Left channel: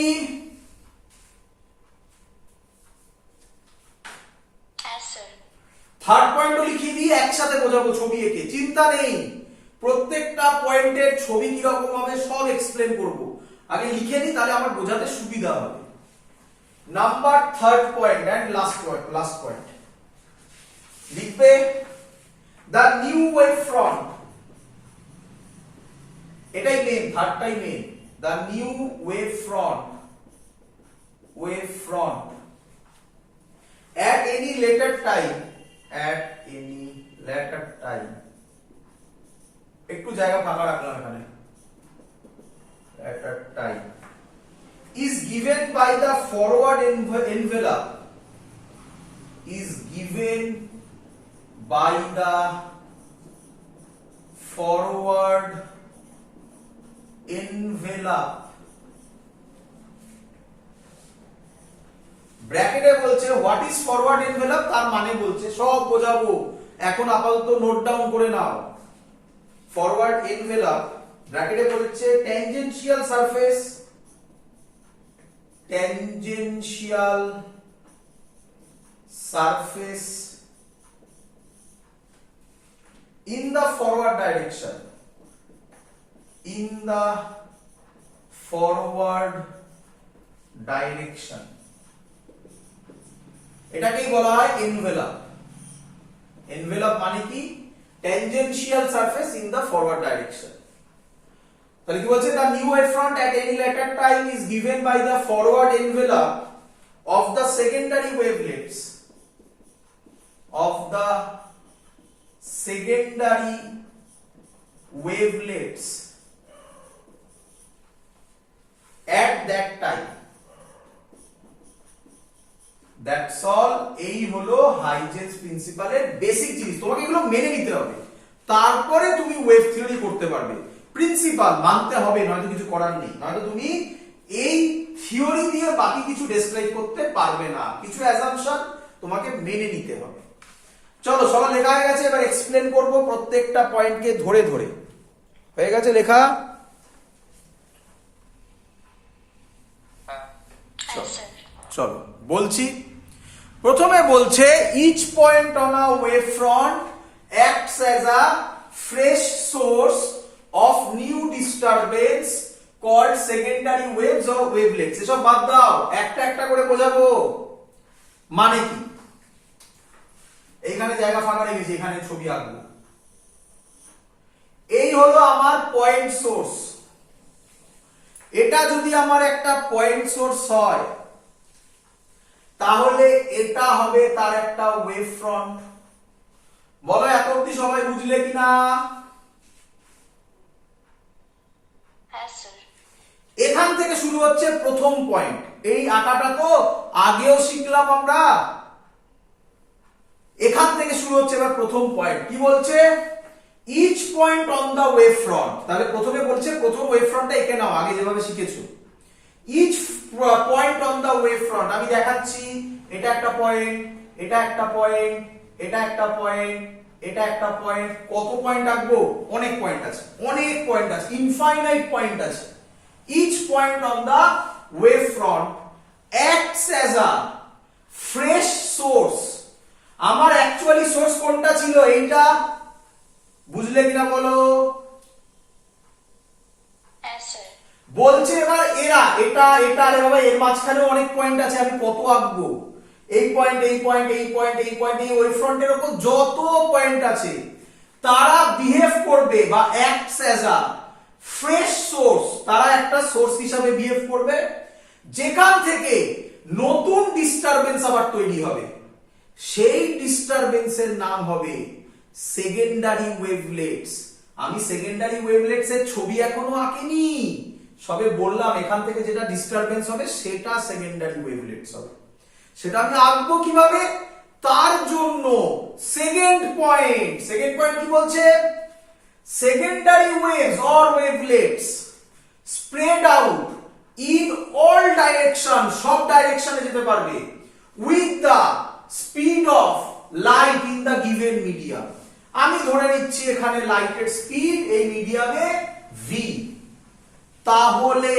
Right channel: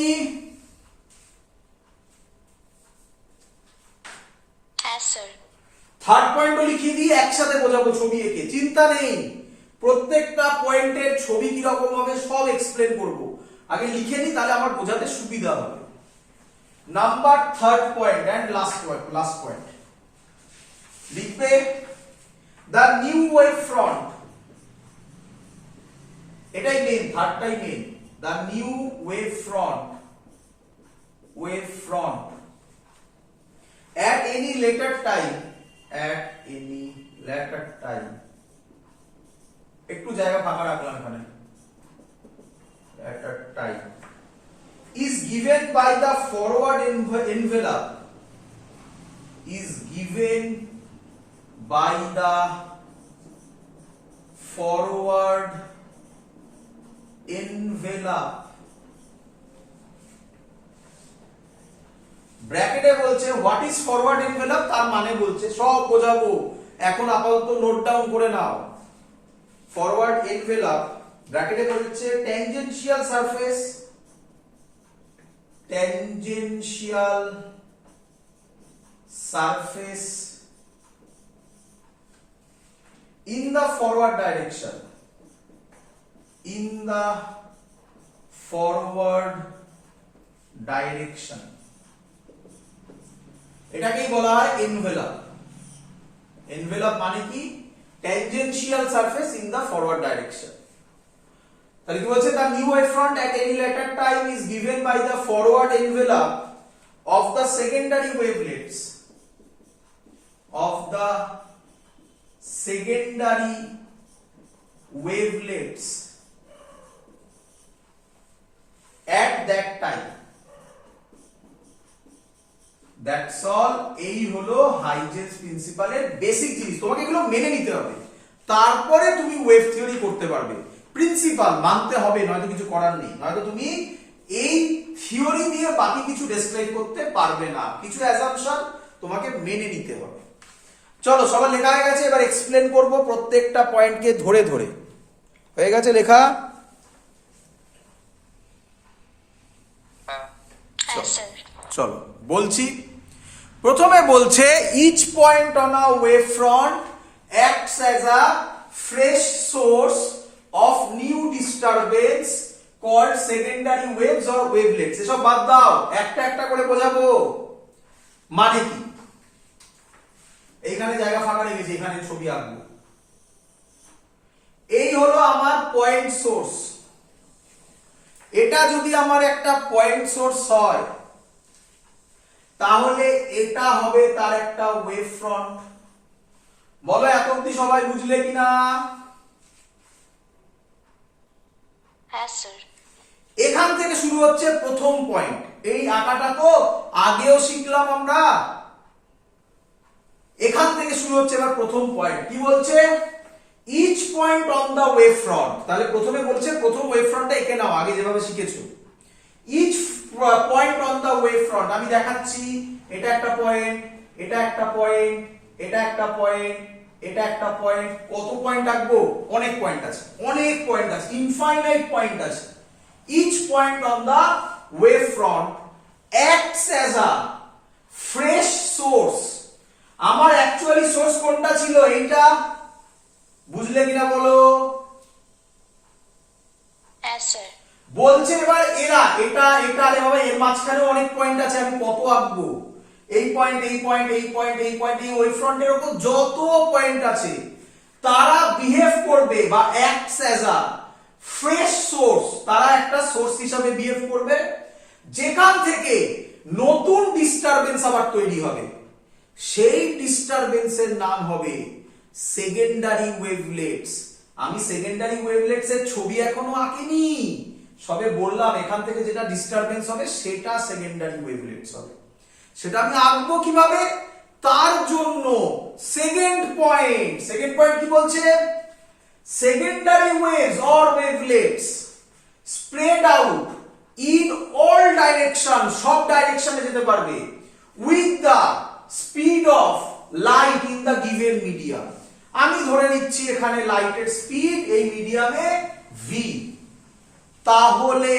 ছবি? থার্ড পয়েন্টও লিখিয়ে দিয়ে একসাথে বোঝাবো ছবি এঁকে, চিন্তা নেই। প্রত্যেকটা পয়েন্টের ছবি কিরকম হবে সব এক্সপ্লেন করব, আগে লিখে নিই তাহলে আমার বোঝাতে সুবিধা হবে। Number third point and last point লিখবে দ্য নিউ ওয়েভ ফ্রন্ট, এটাই মেন, থার্ডটাই মেন। The new wave front at any later time একটু জায়গা ফাঁকা রাখলাম এখানে, later time is given by the forward envelope, is given by the forward envelope, ব্র্যাকেটে বলছে হোয়াট ইজ ফরওয়ার্ড এনভেলপ, তার মানে বলছে সব বোঝাবো, এখন আপাতত নোট ডাউন করে নাও। ফরওয়ার্ড এনভেলপ ব্র্যাকেটে বলছে tangential surface in the forward direction, এটাকেই বলা হয় এনভেলপ। এনভেলপ মানে কি? Tangential surface in the forward direction. তাহলে কি বলছে? The new wave front at any later time is given by the forward envelope of the secondary wavelets at that time. That's all. এই হলো Huygens প্রিন্সিপালের basic জিনিস, তোমাকে এগুলো মেনে নিতে হবে, তারপরে তুমি ওয়েভ থিওরি করতে পারবে। প্রিন্সিপাল মানতে হবে, নয়তো কিছু করার নেই, নয়তো তুমি এই থিওরি দিয়ে বাকি কিছু ডেসক্রাইব করতে পারবে না, কিছু অ্যাজাম্পশন তোমাকে মেনে নিতে হবে। চলো সবার লেখা হয়ে গেছে, এবার এক্সপ্লেন করব প্রত্যেকটা পয়েন্টকে ধরে ধরে। হয়ে গেছে লেখা? চলো বলছি। প্রথমে বলছে each point on a wave front acts as a fresh source of new disturbance called secondary waves or wavelets. এসব বাদ দাও, একটা একটা করে বোঝাবো। মানে কি? এইখানে জায়গা ফাঁকা রেখেছি, এখানে ছবি আঁকবো। এই হলো আমার পয়েন্ট সোর্স। এটা যদি আমার একটা পয়েন্ট সোর্স হয় তাহলে এটা হবে তার একটা ওয়েভ ফ্রন্ট। বলো এত অবধি সবাই বুঝলে কিনা? হ্যাঁ স্যার। এখান থেকে শুরু হচ্ছে প্রথম পয়েন্ট। এই আঁকাটা তো আগেও শিখলাম আমরা। এখান থেকে শুরু হচ্ছে এবার প্রথম পয়েন্ট। কি বলছে? Each point on the wave front. তাহলে প্রথমে বলছে প্রথম ওয়েভ ফ্রন্টটা এঁকে নাও, আগে যেভাবে শিখেছো। Each point on the wave front, আমি দেখাচ্ছি। এটা একটা পয়েন্ট, এটা একটা পয়েন্ট, এটা একটা পয়েন্ট, এটা একটা পয়েন্ট। কত পয়েন্ট আঁকবো? অনেক পয়েন্ট আছে, অনেক পয়েন্ট আছে, ইনফাইনাইট পয়েন্ট আছে। Each point on the wave front acts as a fresh source. আমার অ্যাকচুয়ালি সোর্স কোনটা ছিল? এইটা। বুঝলে কিনা বলো? হ্যাঁ স্যার। বলছে এবার এরা, এটা এটা, আরে বাবা এর মাঝখানেও অনেক পয়েন্ট আছে, আমি কত আঁকবো? এই পয়েন্ট, এই পয়েন্ট, এই পয়েন্ট, এই পয়েন্ট, এই ওয়েভ ফ্রন্টের উপর যত পয়েন্ট আছে তারা বিহেভ করবে বা acts as a fresh source. তারা একটা সোর্স হিসাবে বিহেভ করবে যেখান থেকে নতুন ডিস্টারবেন্স আবার তৈরি হবে। সেই ডিস্টারবেন্সের নাম হবে সেকেন্ডারি ওয়েভলেটস। আমি সেকেন্ডারি ওয়েভলেটস এর ছবি এখনো আঁকিনি, সবে বললাম এখান থেকে যেটা ডিস্টারবেন্স হবে সেটা সেকেন্ডারি ওয়েভলেটস হবে। সেটা আমি আঁকবো কিভাবে? তার জন্য সেকেন্ড পয়েন্ট কি বলছে? Secondary waves or wavelets spread out in all direction, সব ডাইরেকশনে যেতে পারবে, with the speed of light in the given medium. আমি ধরে নিচ্ছি এখানে লাইটের স্পিড এই মিডিয়ামে v। তাহলে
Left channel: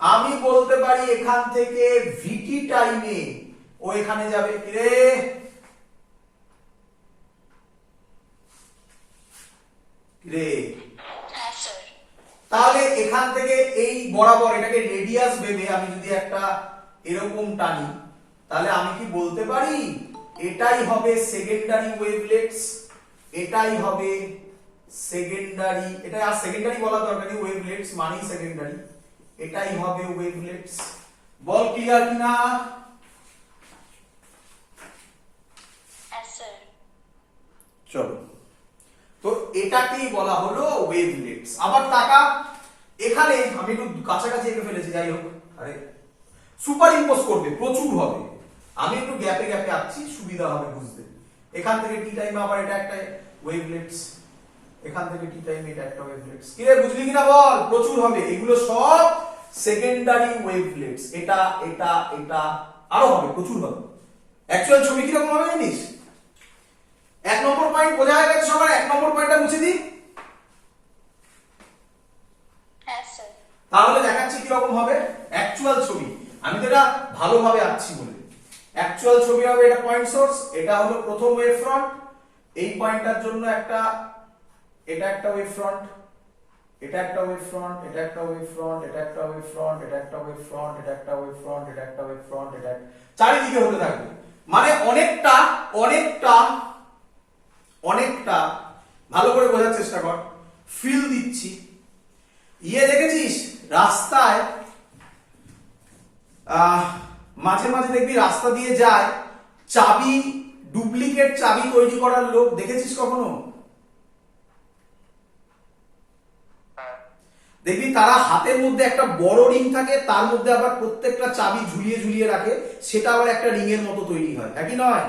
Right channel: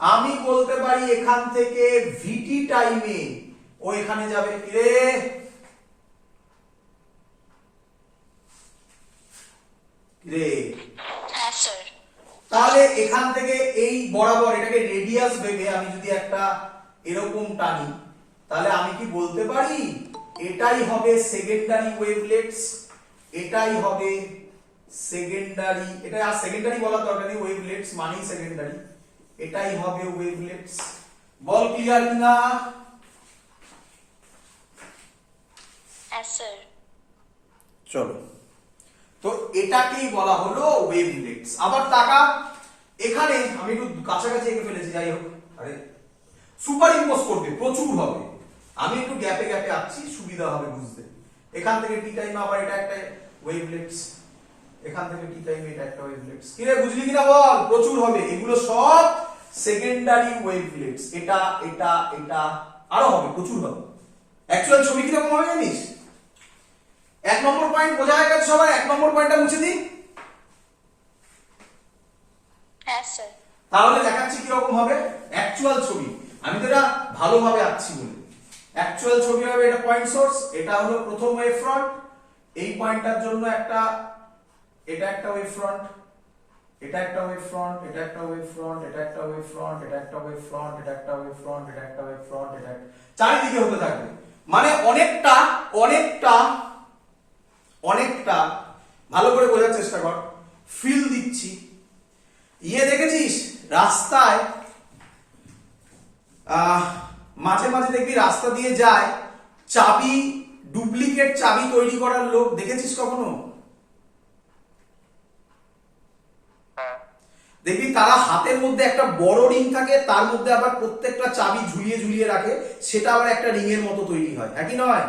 আমি বলতে পারি এখান থেকে ভিটি টাইমে ও এখানে যাবে রে, রে হ্যাঁ স্যার। তাহলে এখান থেকে এই বরাবর এটাকে রেডিয়াস ভেবে আমি যদি একটা এরকম টানি, তাহলে আমি কি বলতে পারি এটাই হবে সেকেন্ডারি ওয়েভলেটস, এটাই হবে সেকেন্ডারি, এটা আর সেকেন্ডারি বলা দরকার নেই, ওয়েভলেটস মানেই সেকেন্ডারি, এটাই হবে ওয়েভলেটস। বল ক্লিয়ার কিনা? হ্যাঁ স্যার। চলো, তো এটাকেই বলা হলো ওয়েভলেটস। আবার তাকা, এখানে আমি একটু কাছাকাছি এঁকে ফেলেছি, যাই হোক, আরে সুপার ইম্পোজ করবে প্রচুর হবে, আমি একটু গ্যাপে গ্যাপে আঁকছি, সুবিধা হবে বুঝতে। এখান থেকে টি টাইম আবার এটা একটা ওয়েভলেটস, এখান থেকে টি টাইম এটা একটা ওয়েভলেটস। কি রে বুঝলি কিনা বল? প্রচুর হবে, এগুলো সব সেকেন্ডারি ওয়েভলেটস। এটা এটা এটা আরো হবে, প্রচুর হবে। অ্যাকচুয়াল ছবি কিরকম হবে জানিস? 1 নম্বর পয়েন্ট বোঝা হয়ে গেছে সবার? 1 নম্বর পয়েন্টটা মুছে দিই, হ্যাঁ স্যার। তাহলে দেখাচ্ছি কিরকম হবে অ্যাকচুয়াল ছবি। আমি তো এটা ভালোভাবে আঁকছি বলে। অ্যাকচুয়াল ছবি হবে, এটা পয়েন্ট সোর্স, এটা হলো প্রথম ওয়েভ ফ্রন্ট, এই পয়েন্টটার জন্য একটা, এটা একটা ওয়েভ ফ্রন্ট, এটা একটা ওয়েভ ফ্রন্ট, এটা একটা ওয়েভ ফ্রন্ট, এটা একটা ওয়েভ ফ্রন্ট, এটা একটা ওয়েভ ফ্রন্ট, এটা একটা ওয়েভ ফ্রন্ট, এটা একটা ওয়েভ ফ্রন্ট, এটা চারিদিকে হতে থাকবে। মানে অনেকটা অনেকটা অনেকটা ভালো করে বোঝার চেষ্টা কর, ফিল দিচ্ছি। ইয়ে দেখেছিস রাস্তায় মাঝে মাঝে দেখবি রাস্তা দিয়ে যায় চাবি, ডুপ্লিকেট চাবি তৈরি করার লোক, দেখেছিস কখনো? দেখবি তারা হাতের মধ্যে একটা বড় রিং থাকে, তার মধ্যে আবার প্রত্যেকটা চাবি ঝুলিয়ে ঝুলিয়ে রাখে, সেটা আবার একটা রিং এর মতো তৈরি হয়, একই নয়?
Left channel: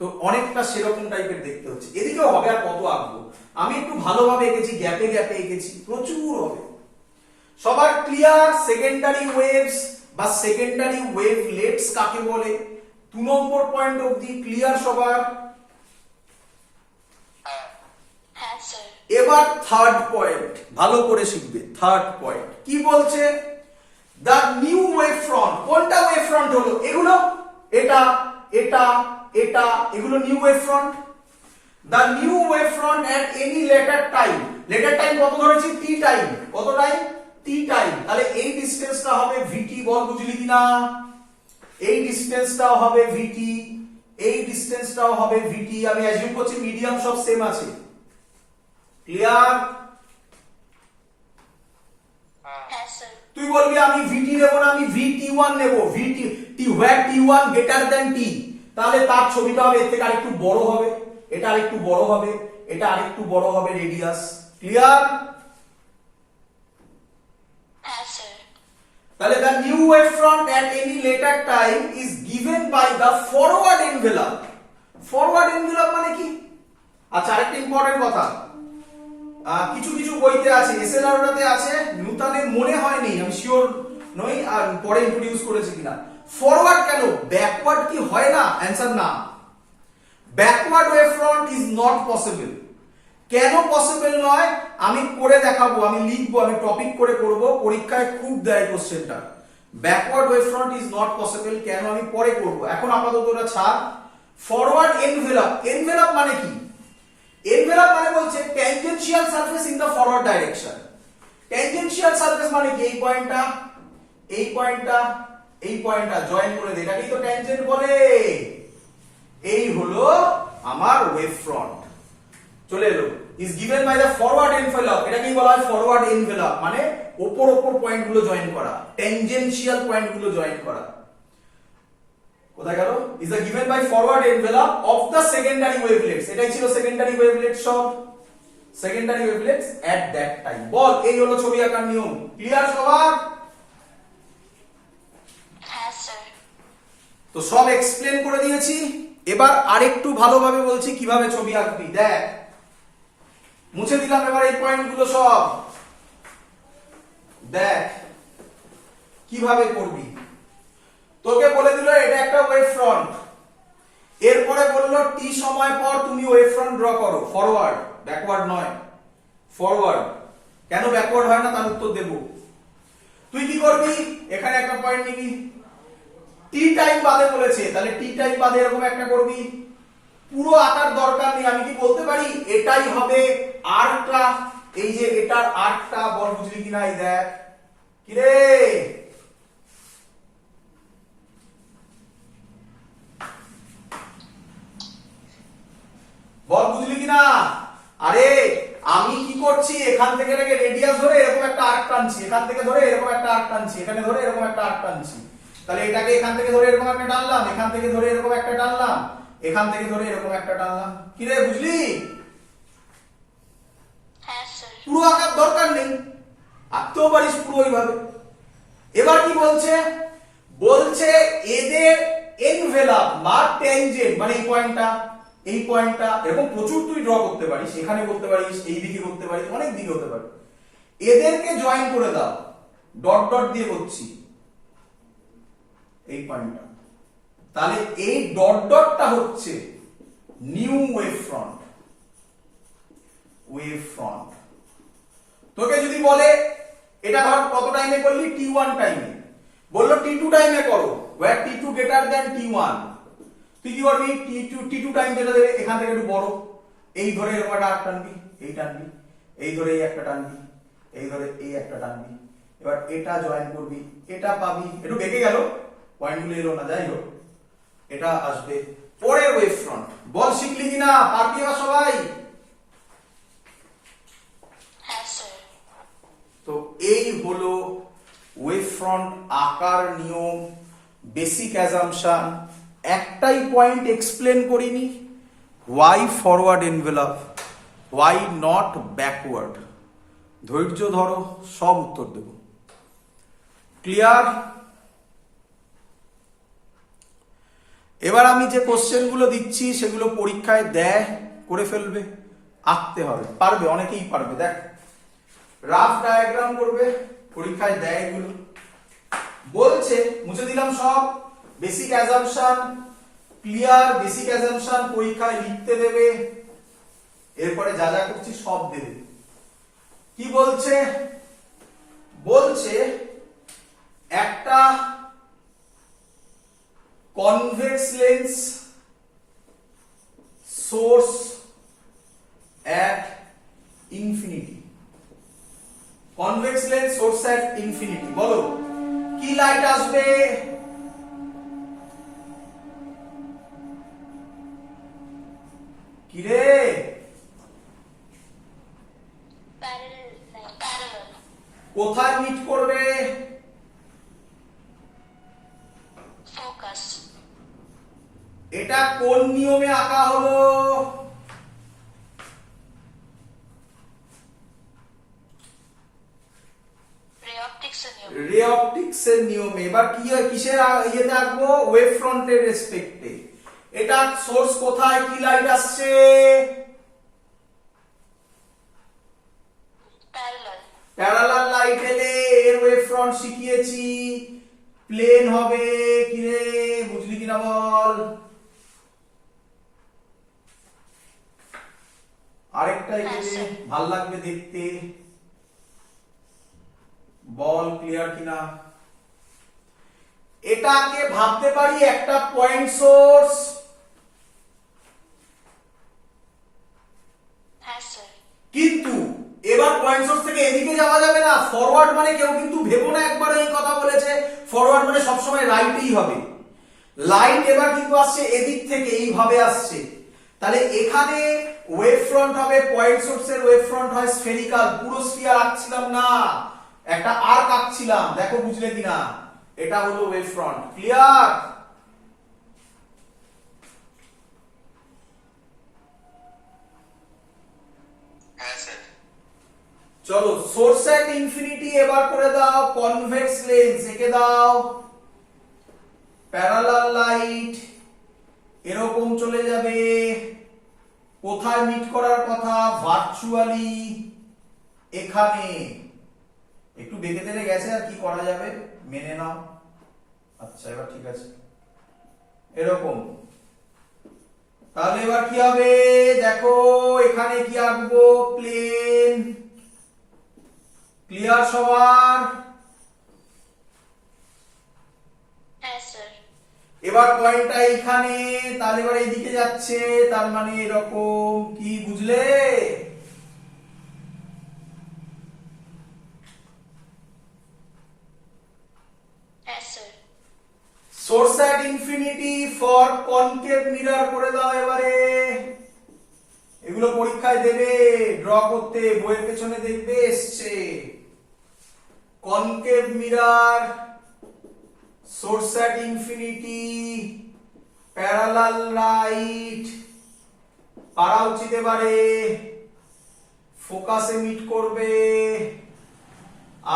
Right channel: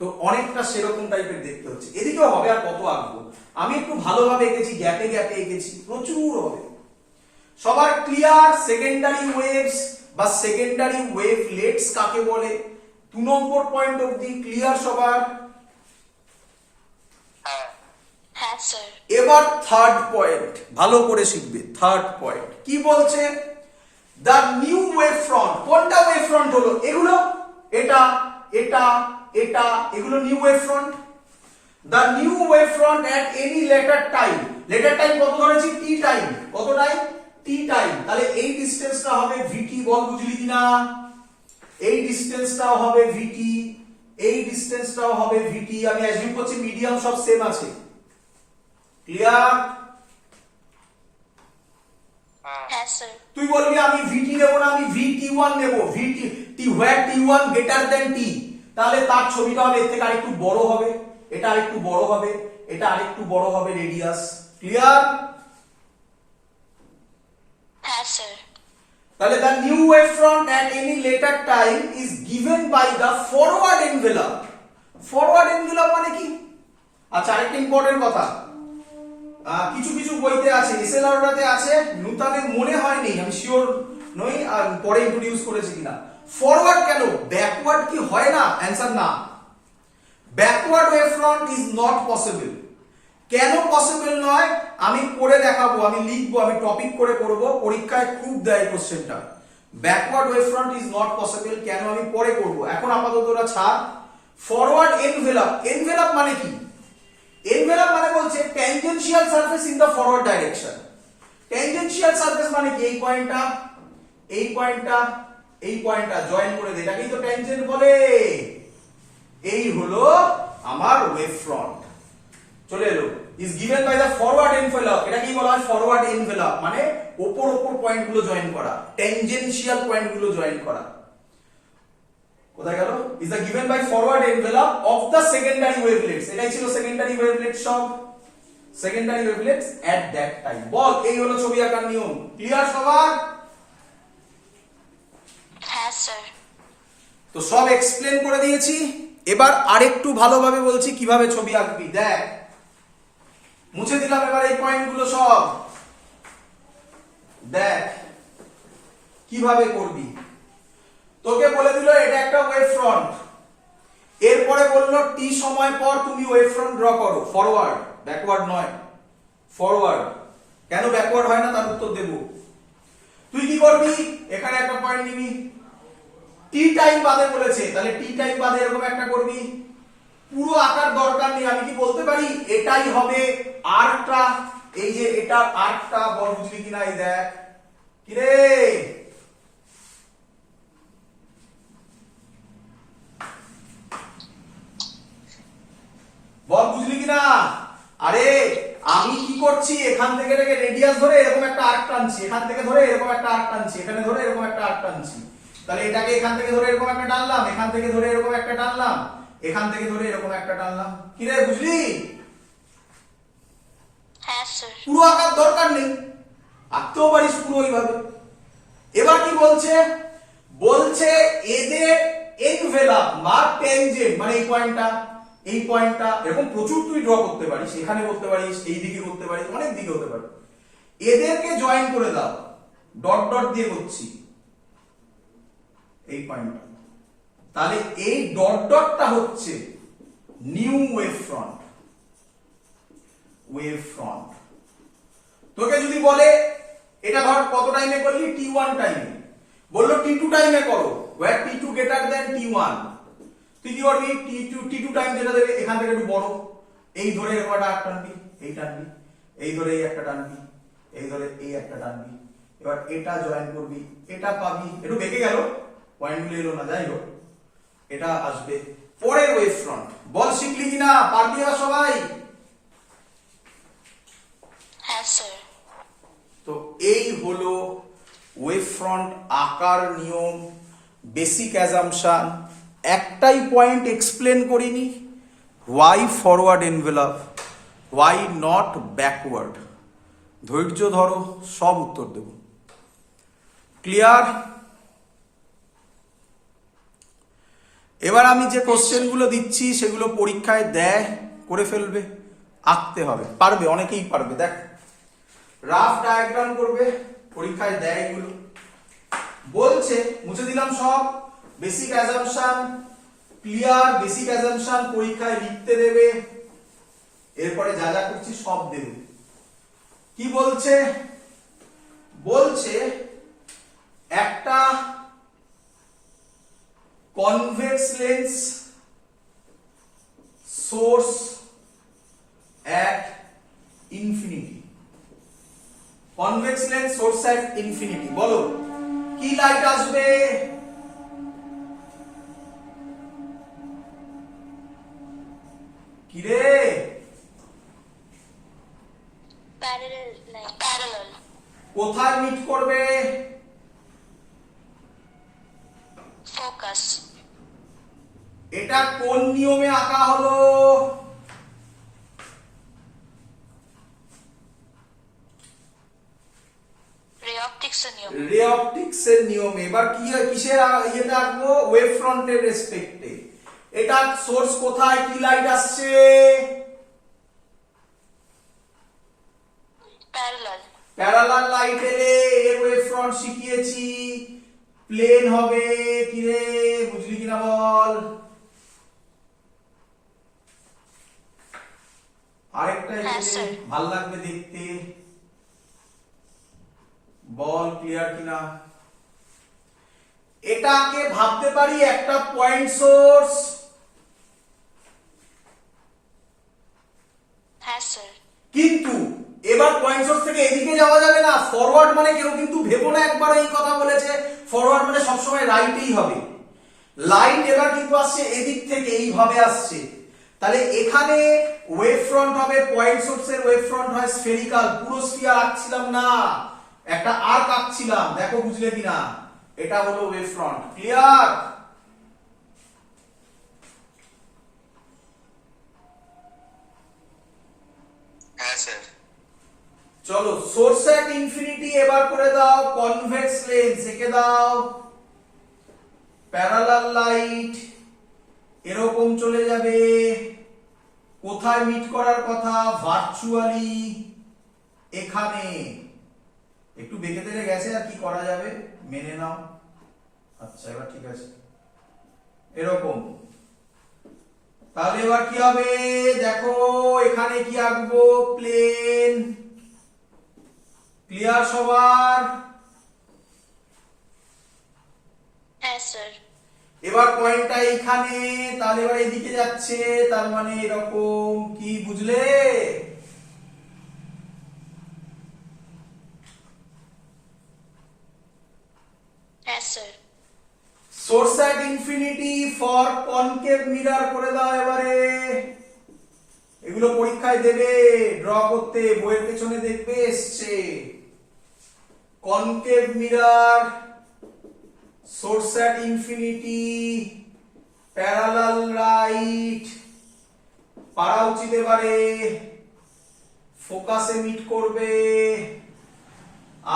তো অনেকটা সেরকম টাইপের দেখতে হচ্ছে। এদিকেও হবে, আর কত আঁকবো, আমি একটু ভালোভাবে এঁকেছি, গ্যাপে গ্যাপে এঁকেছি, প্রচুর হবে। সবার ক্লিয়ার সেকেন্ডারি ওয়েভস বা সেকেন্ডারি ওয়েভলেটস কাকে বলে? 2 নম্বর পয়েন্ট অবধি ক্লিয়ার সবার? হ্যাঁ স্যার। এবার থার্ড পয়েন্ট ভালো করে শিখবে। থার্ড পয়েন্ট কি বলছে? The new wave front. কোনটা ওয়েভ ফ্রন্ট হলো? এগুলো, এটা এটা এটা, এগুলো new wave front. The new wave front at any letter time. Letter time কত ধরেছি? Tea time. কত টাইম? Tea time. তাহলে এই ডিসটেন্সটা হবে ভিটি, বল বুঝলি কিনা? এই ডিসটেন্সটাও হবে ভিটি, এই ডিসটেন্সটাও হবে ভিটি। আমি অ্যাজিউম করছি মিডিয়াম সব সেম আছে। ক্লিয়ার? হ্যাঁ স্যার। তুই বলবি আমি ভিটি নেব না, আমি VT1 নেব, ভিটি টি হোয়ার T1 গ্রেটার দ্যান টি, তাহলে তার ছবিটা হবে এর থেকে আরেকটু বড় হবে, এটা আরেকটু বড় হবে, এটা আরেকটু বড় হবে রেডিয়াস। ক্লিয়ার? হ্যাঁ স্যার। তাহলে the new wave front at any later time is given by the forward envelope. forward envelope মানে কি? আচ্ছা, আরেকটা ইম্পর্টেন্ট কথা, কিছু কিছু বইতে আছে, এসএলআরতে আছে, নূতনের মনে হয়নি, আমি শিওর নই, আর পরে ইন্ট্রোডিউস করেছে কিনা। ফরওয়ার্ড কেন? ব্যাকওয়ার্ড কি হয় না? অ্যানসার না, backward wave front is not possible. কেন পসিবল নয় আমি করে দেখাবো, আমি লিখবো, আমি টপিক করে করব, পরীক্ষায় খুব দেয় কোশ্চেনটা। Backward wave front is not possible কেন আমি পরে করব, এখন আপাতত ওরা ছাড়। Forward envelope. এনভেলপ মানে কি? এনভেলপ মানে বলছে tangential surface in the forward direction. Tangential surface মানে কি? এই পয়েন্টটা, এই পয়েন্টটা, এই পয়েন্টটা জয়েন করে দেয়, এটাকেই তো ট্যানজেন্ট বলে। এই হলো আমার ওয়েভ ফ্রন্ট। চলে এলো, is given by the forward envelope. এটাকেই বলা হয় ফরওয়ার্ড এনভেলপ, মানে ওপর ওপর পয়েন্ট গুলো জয়েন করা, ট্যানজেনশিয়াল পয়েন্ট গুলো জয়েন করা। কোথায় গেল? Is the given by forward envelope of the secondary wavelets. এটাই ছিল সেকেন্ডারি ওয়েভলেটস, সব secondary wavelets at that time. বল, এই হলো ছবি আঁকার নিয়ম। ক্লিয়ার সবার? হ্যাঁ স্যার। তো সব এক্সপ্লেন করে দিয়েছি, এবার আরেকটু ভালোভাবে বলছি কিভাবে ছবি আঁকবি। দেখ, মুছে দিলাম এবার এই পয়েন্টগুলো সব। দেখ কিভাবে করবি। তোকে বলে দিল এটা একটা ওয়েভ ফ্রন্ট, এরপরে বললো টি সময় পর তুমি ওয়েভ ফ্রন্ট ড্র করো, ফরওয়ার্ড, ব্যাকওয়ার্ড নয়, ফরওয়ার্ড। কেন ব্যাকওয়ার্ড হয় না তার উত্তর দেব। তুই কি করবি, এখানে একটা পয়েন্ট নিবি, টি টাইম বাদে বলেছে, তাহলে টি টাইম বাদে এরকম একটা করবি। পুরো আকার দরকার নেই, আমি কি বলতে পারি এটাই হবে আর্কটা, এই যে এটার আর্কটা, বল বুঝলি কিনা, এই দেখ কি রে, বল বুঝলি কিনা। আরে আমি কি করছি, এখান থেকে রেডিয়াস ধরে এরকম একটা আর্ক টানছি, এখান থেকে ধরে এরকম একটা আর্ক টানছি, এখানে ধরে এরকম একটা আর্ক টানছি, তাহলে এটাকে এখান থেকে ধরে এরকম একটা টানলাম, এখান থেকে ধরে এরকম একটা টানলাম, এখান থেকে ধরে এরকম একটা টানলাম, কি রে বুঝলি। হ্যাঁ স্যার। পুরো আকার দরকার নেই, আঁকতেও পারিস পুরো ওইভাবে। এবার কি বলছে, বলছে এদের এনভেলাপ বা টেনজেন্ট, মানে এই পয়েন্টটা, এই পয়েন্টটা, এরকম প্রচুর তুই ড্র করতে পারিস, এখানে করতে পারিস, এই দিকে করতে পারিস, অনেক দিকে হতে পারে, এদেরকে জয়েন করে দাও, ডট ডট দিয়ে করছি এই পয়েন্টটা, তাহলে এই ডট ডটটা হচ্ছে new wave front, wave front. তোকে যদি বলে এটা ধর কত টাইমে করলি, t1 টাইমে, বললো t2 টাইমে করো, where t2 greater than t1, তুই কি করবি, t2 টাইম যেটা দেবে এখান থেকে একটু বড়, এই ধরে এরকম একটা আর্ক টানবি, এই টানবি, এই ধরে এই একটা টানবি, এই ধরে এই একটা টানবি, এবার এটা জয়েন করবি, এটা পাবি, একটু বেঁকে গেল পয়েন্টগুলো এলো না, যাই হোক এটা আসবে পরের ওয়েভ ফ্রন্ট। বল শিখলি কিনা, পারবি এবার সবাই। হ্যাঁ স্যার। তো এই হলো ওয়েভ ফ্রন্ট আকার নিয়ম, বেসিক অ্যাজাম্পশন। একটাই পয়েন্ট এক্সপ্লেন করিনি, why forward envelope, why not backward. ধৈর্য ধরো, সব উত্তর দেব। ক্লিয়ার? এবার আমি যে কোশ্চেনগুলো দিচ্ছি সেগুলো পরীক্ষায় দেয়, করে ফেলবে, আঁকতে হবে, পারবে, অনেকেই পারবে। দেখ রাফ ডায়াগ্রাম করবে, পরীক্ষায় দেয় এগুলো, বলছে মুছে দিলাম সব, basic assumption clear, basic assumption পরীক্ষায় লিখতে দেবে, এরপরে যা যা করছি সব দেবে। কি বলছে, বলছে একটা convex lens source at infinity, convex lens source at infinity, বলো কি লাইট আসবে, কি রে, প্যারালাল। কোথায় মিট করবে, ফোকাস। এটা কোন নিয়মে আঁকা হলো, রে অপটিক্সের নিয়ম। রে অপটিক্সের নিয়মে। এবার কি হয়, কিসের ইয়েতে আঁকবো, ওয়েভ ফ্রন্টের রেসপেক্টে। এটা সোর্স কোথায়, কি লাইট আসছে, প্যারালাল। প্যারালাল লাইট এলে এর ওয়েভ ফ্রন্ট শিখিয়েছি, প্লেন হবে, কি রে বুঝলি কিনা বল। আরেকটা এখানে ভাল লাগবে দেখতে, বল ক্লিয়ার কিনা। এটাকে ভাবতে পারি একটা পয়েন্ট সোর্স, হ্যাঁ স্যার। কিন্তু এবার পয়েন্ট সোর্স থেকে এদিকে যাওয়া যাবে না, ফরওয়ার্ড মানে কেউ কিন্তু ভেবো না একবার এই কথা বলেছে ফরওয়ার্ড মানে সবসময় রাইটই হবে, লাইট এবার কিন্তু আসছে এদিক থেকে, এইভাবে আসছে, তাহলে এখানে ওয়েভ ফ্রন্ট হবে, পয়েন্ট সোর্সের ওয়েভ ফ্রন্ট হয় স্ফেরিক্যাল, পুরো স্ফিয়ার আঁকছিলাম না, একটা আর্ক আঁকছিলাম, দেখো বুঝলে কিনা, এটা হলো ওয়েভ ফ্রন্ট। ক্লিয়ার? হ্যাঁ স্যার। চলো সোর্স অ্যাট ইনফিনিটি এবার করে দাও, কনভেক্স লেন্স এঁকে দাও, প্যারালাল লাইট এরকম চলে যাবে, কোথায় মিট করার কথা, ভার্চুয়ালি এখানে, একটু বেঁকে তেড়ে গেছে, আর কি করা যাবে, মেনে নাও। আচ্ছা এবার ঠিক আছে, এরকম, তাহলে এবার কি হবে, দেখো এখানে কি আঁকবো, প্লেন। ক্লিয়ার সবার? এবার পয়েন্টটা এখানে, তাহলে এবার এইদিকে যাচ্ছে, তার মানে এরকম, কি বুঝলে? Yes, sir. Source at infinity for concave mirror করে দাও এবারে। এগুলো পরীক্ষায় দেবে, ড্র করতে, বইয়ের পেছনে দেখবে এসছে। Concave mirror, source at infinity, parallel right, পারা উচিত এবারে, ফোকাসে মিট করবে,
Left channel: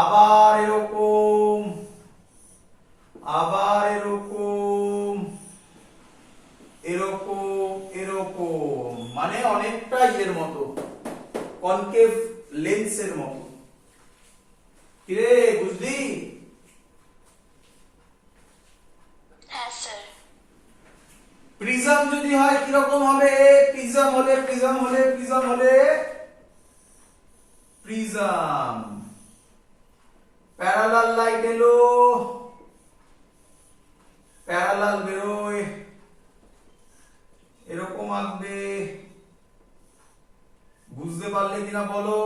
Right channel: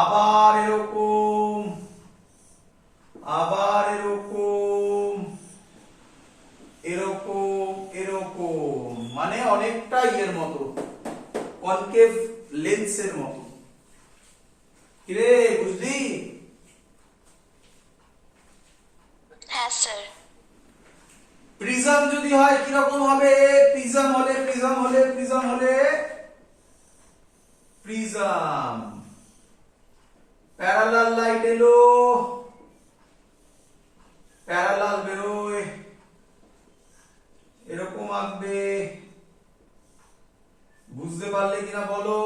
আবার এরকম, আবার এরকম, এরকম, এরকম, মানে অনেকটা এর মতো, কনকেভ লেন্সের মতো। কিরে বুঝলি? Yes, sir. প্রিজম যদি হয় কিরকম হবে? প্রিজম হলে, প্রিজম হলে, প্রিজম হলে, প্রিজম, প্যারালাল লাইট এলো, প্যারালাল বেরোয়, এরকম আঁকবে। বুঝতে পারলে কিনা বলো?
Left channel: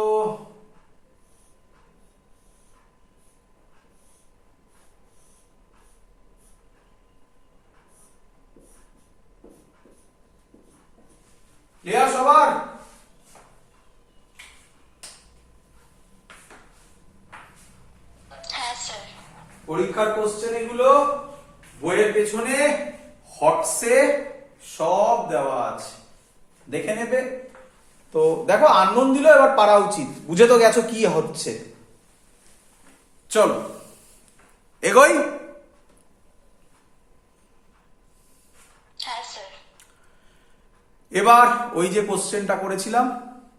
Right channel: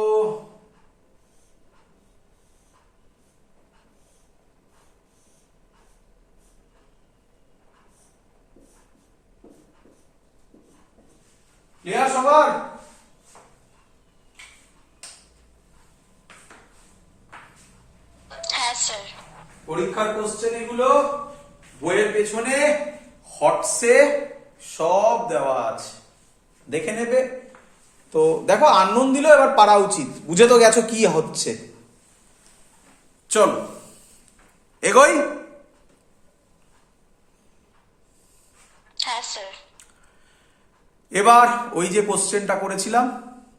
ক্লিয়ার সবার? Yes, sir. পরীক্ষার কোশ্চেন এগুলো, বইয়ের পেছনে হটসে সব দেওয়া আছে, দেখে নেবে। তো দেখো আননোন দিল, এবার পারা উচিত, বুঝে তো গেছো কি হচ্ছে। চলো এগোই। Yes, sir. এবার ওই যে কোশ্চেনটা করেছিলাম,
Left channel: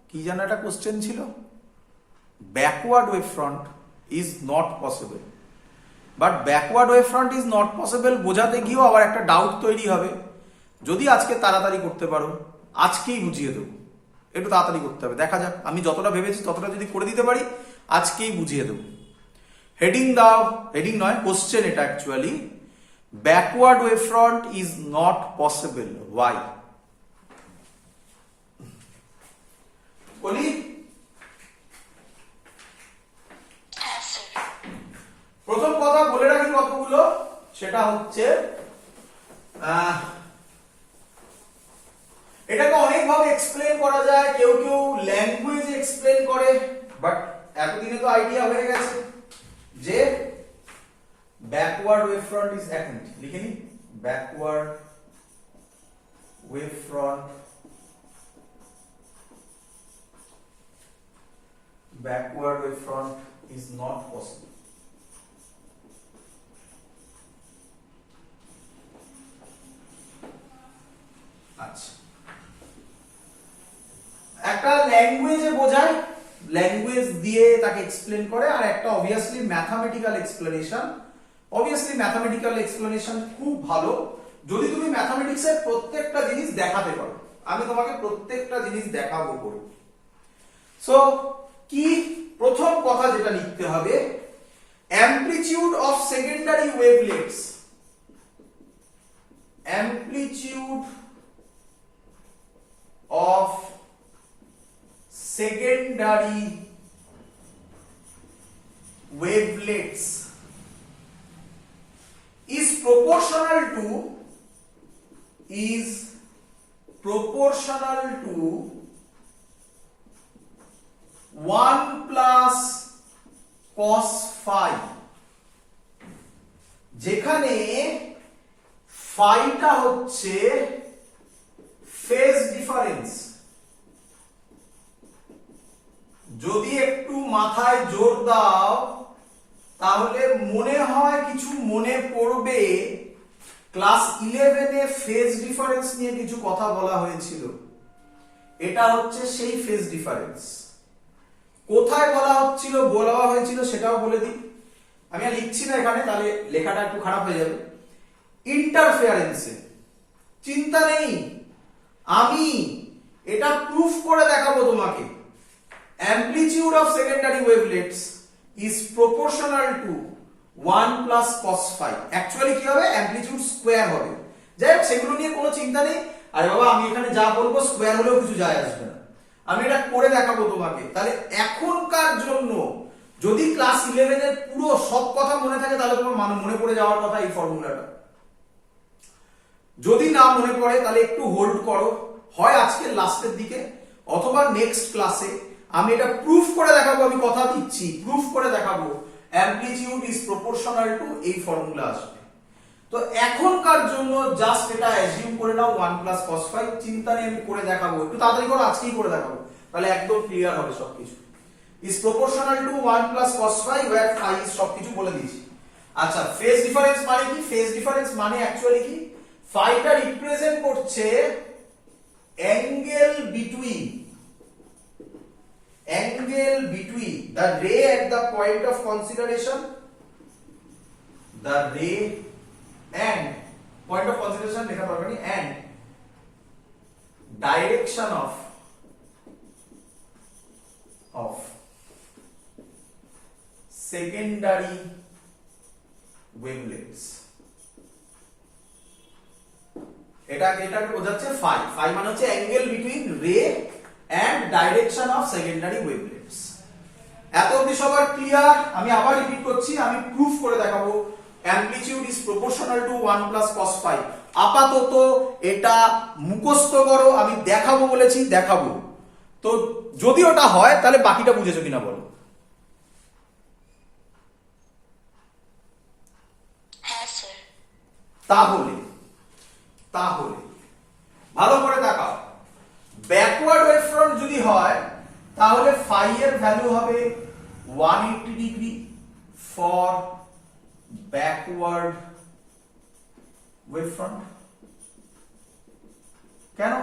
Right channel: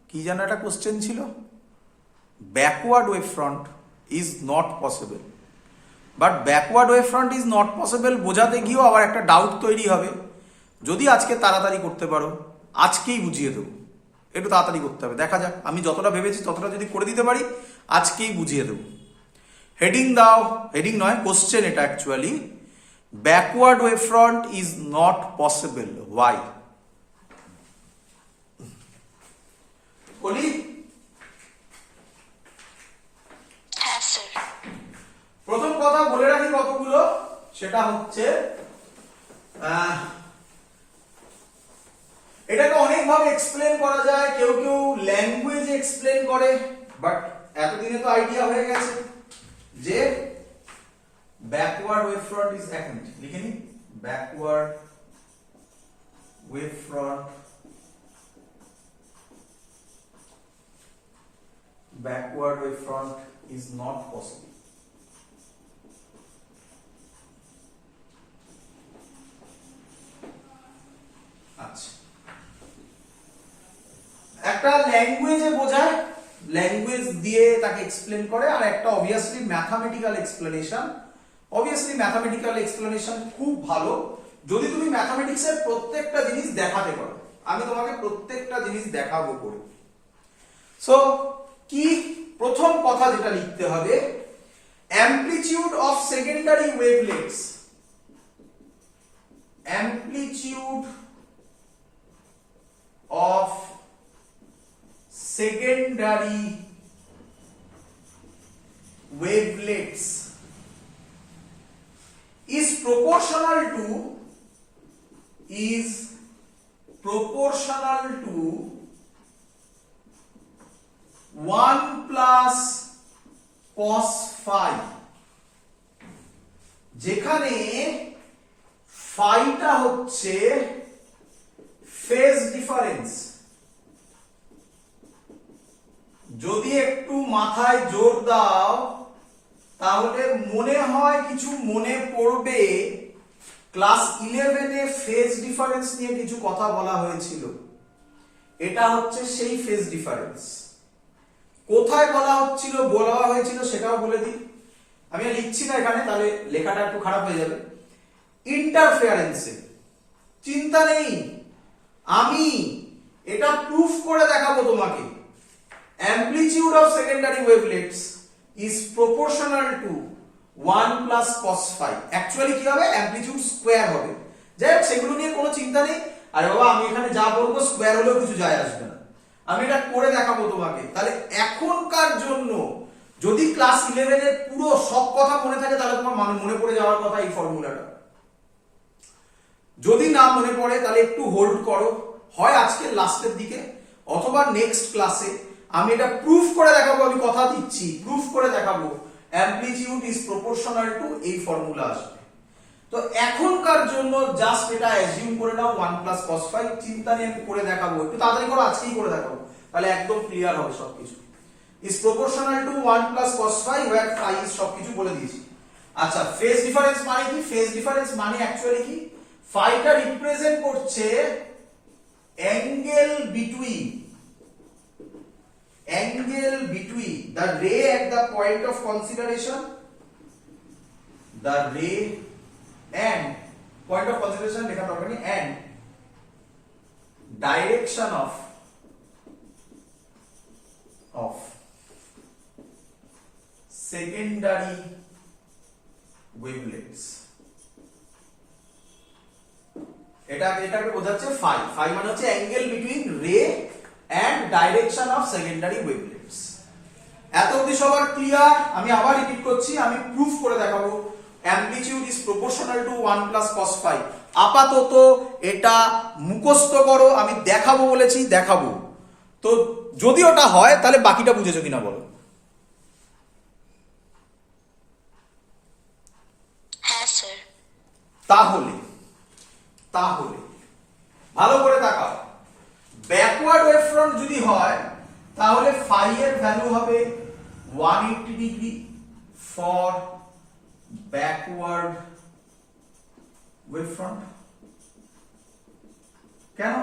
কি যেন একটা কোশ্চেন ছিল, backward wave front is not possible, but backward wave front is not possible বোঝাতে গিয়েও আবার একটা ডাউট তৈরি হবে। যদি আজকে তাড়াতাড়ি করতে পারো, আজকেই বুঝিয়ে দেবো, একটু তাড়াতাড়ি করতে হবে, দেখা যাক। আমি যতটা ভেবেছি ততটা যদি করে দিতে পারি, আজকেই বুঝিয়ে দেবো। হেডিং দাও, হেডিং নয়, কোশ্চেন এটা actually, backward wave front is not possible, why? বলি Yes, sir. প্রথম কথা বলে রাখি কতগুলো, সেটা হচ্ছে এটাকে অনেকভাবে এক্সপ্লেন করা যায়, কেউ কেউ ল্যাঙ্গুয়েজে এক্সপ্লেন করে, বাট এতদিনে তো আইডিয়া হয়ে গেছে যে ব্যাকওয়ার্ড ওয়েভ ফ্রন্ট ইজ, এক মিনিট লিখে নি, backward wave front, backward wave front is not possible. আচ্ছা, একটা ল্যাঙ্গুয়েজে বোঝায়, ল্যাঙ্গুয়েজ দিয়ে তাকে এক্সপ্লেন করে, আর একটা obviously mathematical explanation. Obviously mathematical explanation খুব ভালো যদি তুমি ম্যাথামেটিক্সের প্রত্যেকটা জিনিস দেখাতে পারো। আমি তোমাকে প্রত্যেকটা জিনিস দেখাবো করে। সো কি প্রথম কথা যেটা লিখতে হবে, amplitude of secondary wavelets, amplitude of secondary wavelets is proportional to 1 plus cos phi, যেখানে ফাইটা হচ্ছে ফেজ ডিফারেন্স। যদি একটু মাথায় জোর দাও তাহলে মনে হয় কিছু মনে পড়বে, ক্লাস 11-এ ফেজ ডিফারেন্স নিয়ে কিছু কথা বলা হয়েছিল। এটা হচ্ছে সেই ফেজ ডিফারেন্স। কোথায় বলা হয়েছিল সেটাও বলে দিই, আমি আর লিখছি না এখানে, তাহলে লেখাটা একটু খারাপ হয়ে যাবে। ইন্টারফেয়ারেন্সে চিন্তা নেই, আমি এটা প্রুফ করে দেখাবো তোমাকে। amplitude of secondary wavelets is proportional to 1 plus cos phi actually কি হবে অ্যামপ্লিটিউড স্কয়ার হবে। যাই হোক সেগুলো নিয়ে কোনো চিন্তা নেই। আরে বাবা আমি এখানে যা বলবো স্কয়ার হলেও কিছু যায় আসবে না, আমি এটা করে দেখাবো তোমাকে। তাহলে এখনকার জন্য যদি ক্লাস 11 এর পুরো সব কথা মনে থাকে তাহলে তোমার মনে পড়ে যাওয়ার কথা এই ফর্মুলাটা। যদি না মনে পড়ে তাহলে একটু হোল্ড করো, হয় আজকে লাস্টের দিকে অথবা নেক্সট ক্লাসে আমি এটা প্রুফ করে দেখাবো, আমি কথা দিচ্ছি প্রুফ করে দেখাবো অ্যামপ্লিটিউড ইজ প্রপোর্শনাল টু এই ফর্মুলা আসবে। তো এখনকার জন্য জাস্ট এটা অ্যাজিউম করে নাও 1 প্লাস cos ফাই, চিন্তা নেই আমি করে দেখাবো, একটু তাড়াতাড়ি করো আজকেই করে দেখাবো তাহলে একদম ক্লিয়ার হবে সবকিছু। Is proportional to 1 plus cos phi where phi is সবকিছু বলে দিয়েছি। আচ্ছা ফেজ ডিফারেন্স মানে কি? ফেজ ডিফারেন্স মানে অ্যাকচুয়ালি কি, ফাইটা রিপ্রেজেন্ট করছে angle between the ray at the point of consideration, the ray and point of consideration লেখা দরকার নেই, and direction of secondary wavelengths। এটাকে বোঝাচ্ছে ফাই। ফাই মানে হচ্ছে অ্যাঙ্গেল বিটুইন রে এন্ড ডাইরেকশন অফ সেকেন্ডারি ওয়েভলেটস। এত অবধি সবার ক্লিয়ার? আমি আবার রিপিট করছি, আমি প্রুফ করে দেখাবো amplitude is proportional to 1 plus cos phi. আপাতত এটা মুখস্থ করো, আমি দেখাবো বলেছি দেখাবো, তো যদি ওটা হয় তাহলে বাকিটা বুঝেছো কিনা বলো। হ্যাঁ স্যার। তাহলে ভালো করে দেখাও, ব্যাকওয়ার্ড ওয়েভ ফ্রন্ট যদি হয় তাহলে ফাই এর ভ্যালু হবে 180 degree for backward wave front. কেন?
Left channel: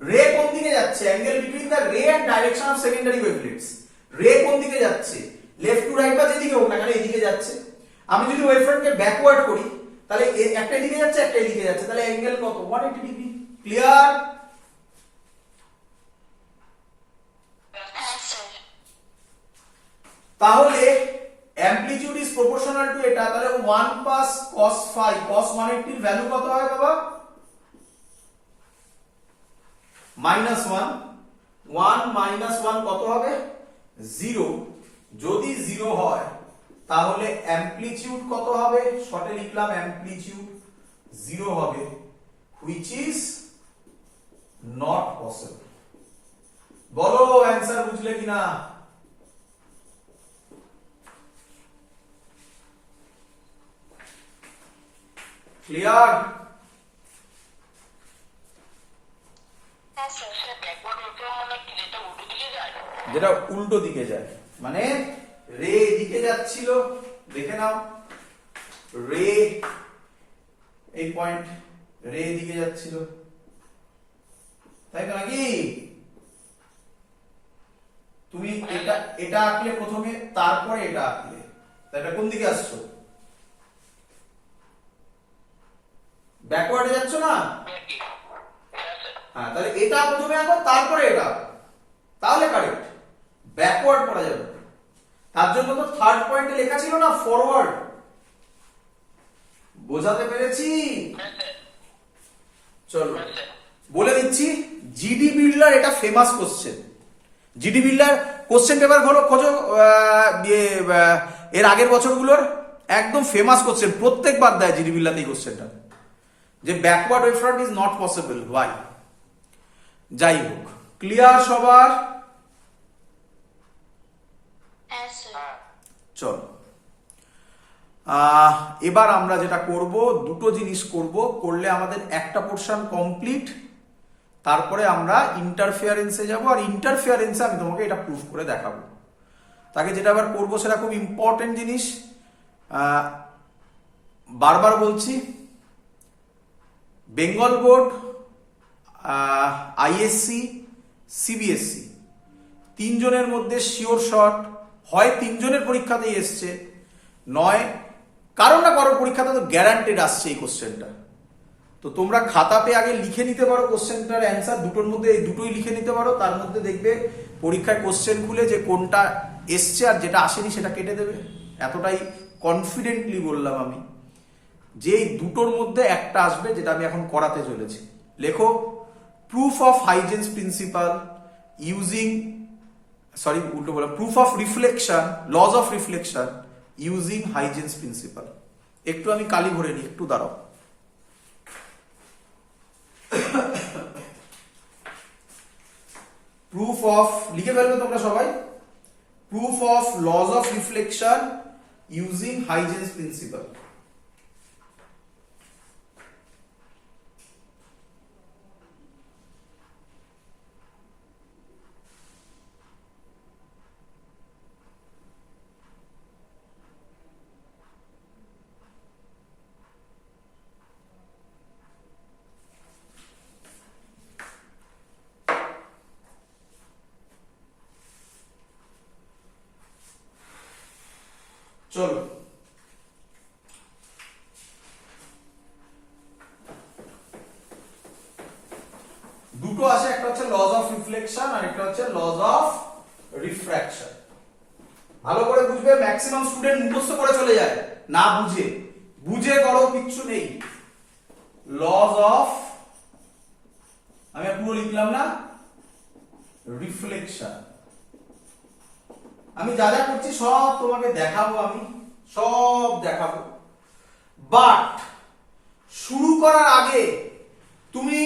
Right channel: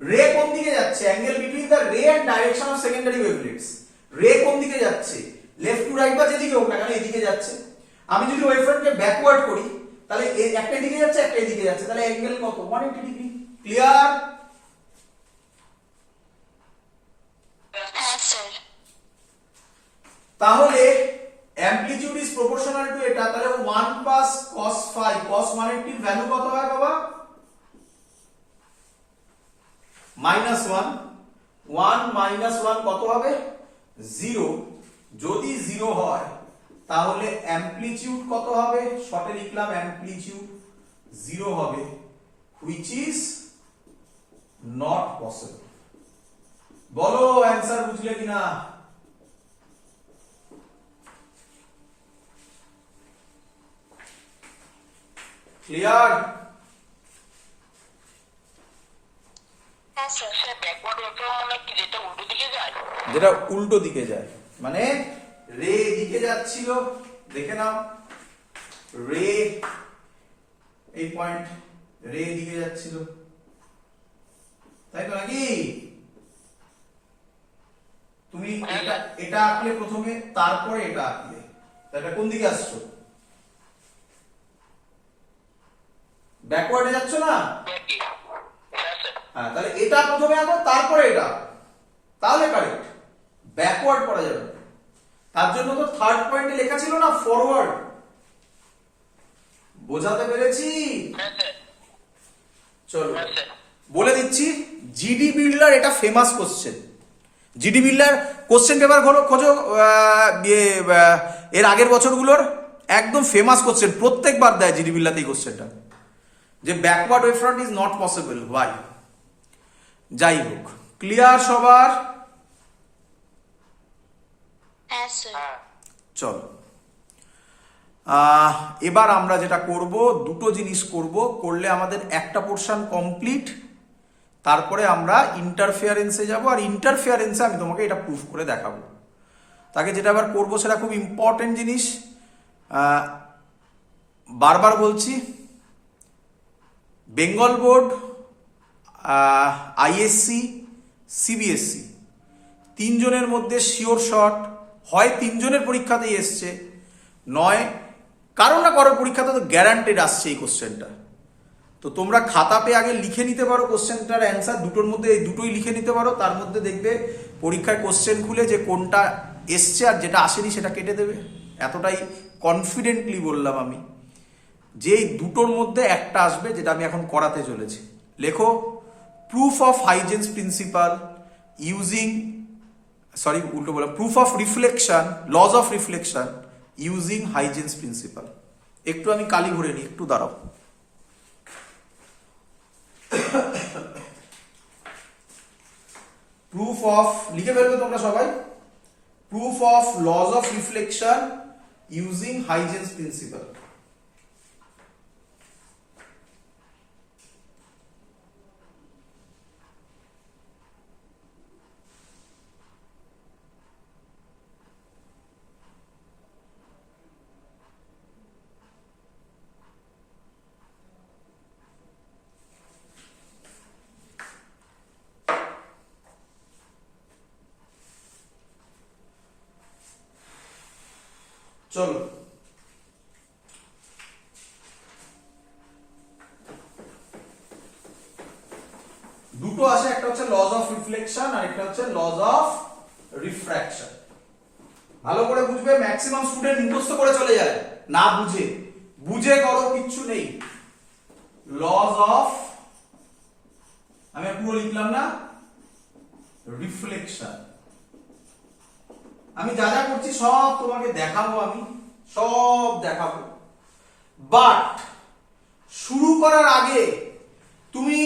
রে কোন দিকে যাচ্ছে? অ্যাঙ্গেল বিটুইন দ্য রে এন্ড ডাইরেকশন অফ সেকেন্ডারি ওয়েভলেটস। রে কোন দিকে যাচ্ছে? লেফট টু রাইট বা যেদিকে হোক না কেন এদিকে যাচ্ছে। আমি যদি ওয়েভ ফ্রন্টকে ব্যাকওয়ার্ড করি তাহলে একটা দিকে যাচ্ছে একটা দিকে যাচ্ছে, তাহলে অ্যাঙ্গেল কত? 180 ডিগ্রি। ক্লিয়ার? হ্যাঁ স্যার। তাহলে অ্যামপ্লিটিউড ইজ প্রপোর্শনাল টু এটা, তাহলে 1 প্লাস cos ফাই, cos 180 এর ভ্যালু কত হয় বাবা? -1। 1 - 1 কত হবে? 0। যদি 0 হয় তাহলে অ্যামপ্লিটিউড কত হবে? শর্টে লিখলাম অ্যামপ্লিটিউড 0 হবে, which is not possible। বলো অ্যানসার বুঝলে কিনা? ক্লিয়ার? হ্যাঁ স্যার। ব্যাকওয়ার্ড ওয়েভ মানে কি, যেটা উল্টো দিকে যায়? যেটা উল্টো দিকে যায়, মানে রে এদিকে যাচ্ছিল, দেখে নাও রে এই পয়েন্ট, রে এদিকে যাচ্ছিল, তাই তো নাকি? তুমি এটা আঁকলে প্রথমে, তারপরে এটা আঁকলে, এটা কোন দিকে আসছো? ব্যাকওয়ার্ডে যাচ্ছ না? হ্যাঁ, তাহলে এটা প্রথমে আঁকো তারপরে এটা, তাহলে কারেক্ট। ব্যাকওয়ার্ড পড়া যাবে, তার জন্য তো থার্ড পয়েন্টে লেখা ছিল না ফরওয়ার্ড। বোঝাতে পেরেছি? চলো বলে দিচ্ছি, জিডি বিল্ডার এটা famous question. GD builder question paper খোঁজো এর আগের বছরগুলোর, একদম ফেমাস কোশ্চেন, প্রত্যেকবার দেয় জিডি বিল্ডার এই কোশ্চেনটা, যে backward wave front is not possible why. যাই হোক, ক্লিয়ার সবার? হ্যাঁ স্যার। চলো এবার আমরা যেটা করব, দুটো জিনিস করলে আমাদের একটা পোর্শন কমপ্লিট, তারপরে আমরা ইন্টারফেয়ারেন্সে যাব, আর ইন্টারফেয়ারেন্সে আমি তোমাকে এটা প্রুফ করে দেখাবো। তাকে যেটা আবার করবো সেটা খুব ইম্পর্টেন্ট জিনিস, বারবার বলছি, বেঙ্গল বোর্ড, আইএসসি, সিবিএসসি তিনজনের মধ্যে শিওর শট, হয় তিনজনের পরীক্ষাতেই এসছে, নয় কারো না কারোর পরীক্ষাতে তো গ্যারান্টেড আসছে এই কোশ্চেনটা। তো তোমরা খাতা পেয়ে আগে লিখে নিতে পারো কোশ্চেনটার অ্যান্সার, দুটোর মধ্যে এই দুটোই লিখে নিতে পারো, তার মধ্যে দেখবে পরীক্ষায় কোশ্চেন খুলে যে কোনটা এসছে আর যেটা আসেনি সেটা কেটে দেবে। এতটাই কনফিডেন্টলি বললাম আমি যে এই দুটোর মধ্যে একটা আসবে, যেটা আমি এখন করাতে চলেছি। লেখো, proof of Huygens principle using, sorry উল্টো বললাম, proof of reflection, laws of reflection using Huygens principle. একটু আমি কালি ভরে নিই, একটু দাঁড়াও। প্রুফ অফ, লিখে ফেলবে তোমরা সবাই, proof of laws of reflection using Huygens principle. চলো, দুটো আছে, একটা হচ্ছে লজ অফ রিফ্লেকশন আর একটা হচ্ছে লজ অফ রিফ্র্যাকশন। ভালো করে বুঝবে, ম্যাক্সিমাম স্টুডেন্ট মুখস্থ করে চলে যায়, না বুঝে, বুঝে করো কিচ্ছু নেই। লজ অফ, আমি পুরো লিখলাম না, রিফ্লেকশন। আমি যা যা করছি সব তোমাকে দেখাবো, আমি সব দেখাবো, বাট শুরু করার আগে তুমি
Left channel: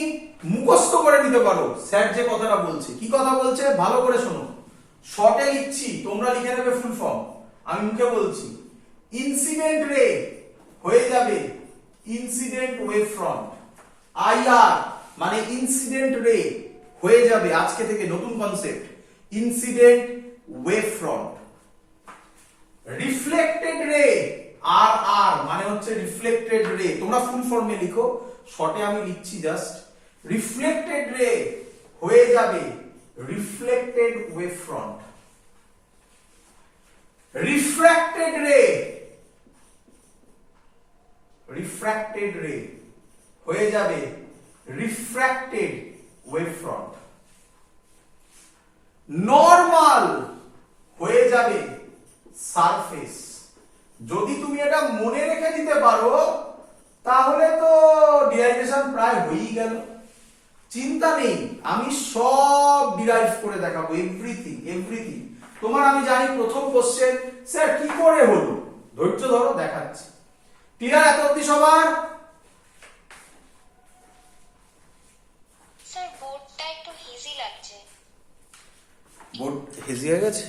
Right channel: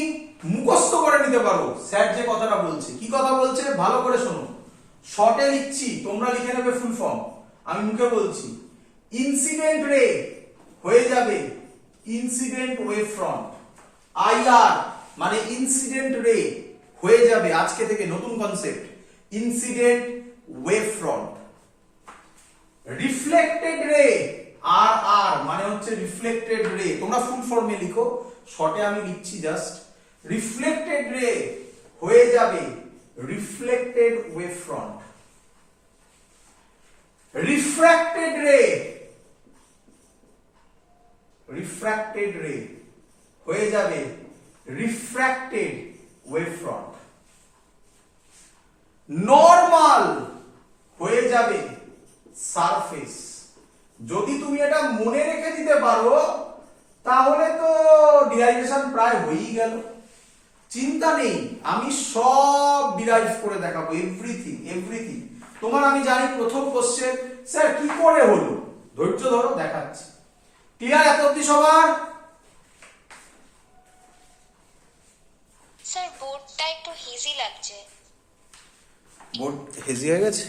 মুখস্থ করে নিতে পারো স্যার যে কথাটা বলছে। কি কথা বলছে ভালো করে শোনো, শর্টে লিখছি, তোমরা লিখে নেবে ফুল ফর্ম, আমি মুখে বলছি। ইনসিডেন্ট রে হয়ে যাবে ইনসিডেন্ট ওয়েভ ফ্রন্ট, আইআর মানে ইনসিডেন্ট রে হয়ে যাবে আজকে থেকে নতুন concept incident wave front. Reflected রে, আর আর মানে হচ্ছে রিফ্লেক্টেড রে, তোমরা ফুল ফর্মে লিখো, শর্টে আমি লিখছি জাস্ট। রিফ্লেক্টেড রে হয়ে যাবে রিফ্লেক্টেড ওয়েভ ফ্রন্ট। রিফ্র্যাক্টেড রে, রিফ্র্যাক্টেড রে হয়ে যাবে রিফ্র্যাক্টেড ওয়েভ ফ্রন্ট। নরমাল হয়ে যাবে সারফেস। যদি তুমি এটা মনে রেখে দিতে পারো তাহলে তো ডিরাইভেশন প্রায় হয়েই গেল, চিন্তা নেই, আমি সব ডিরাইভ করে দেখাবো, এভরিথিং এভরিথিং। তোমার আমি জানি প্রথম কোশ্চেন স্যার কি করে হলো, ধৈর্য ধরো দেখাচ্ছি। ক্লিয়ার এত অব্দি সবার? স্যার বোর্ডটা একটু হেজি লাগছে। বোর্ড হেজি হয়ে গেছে,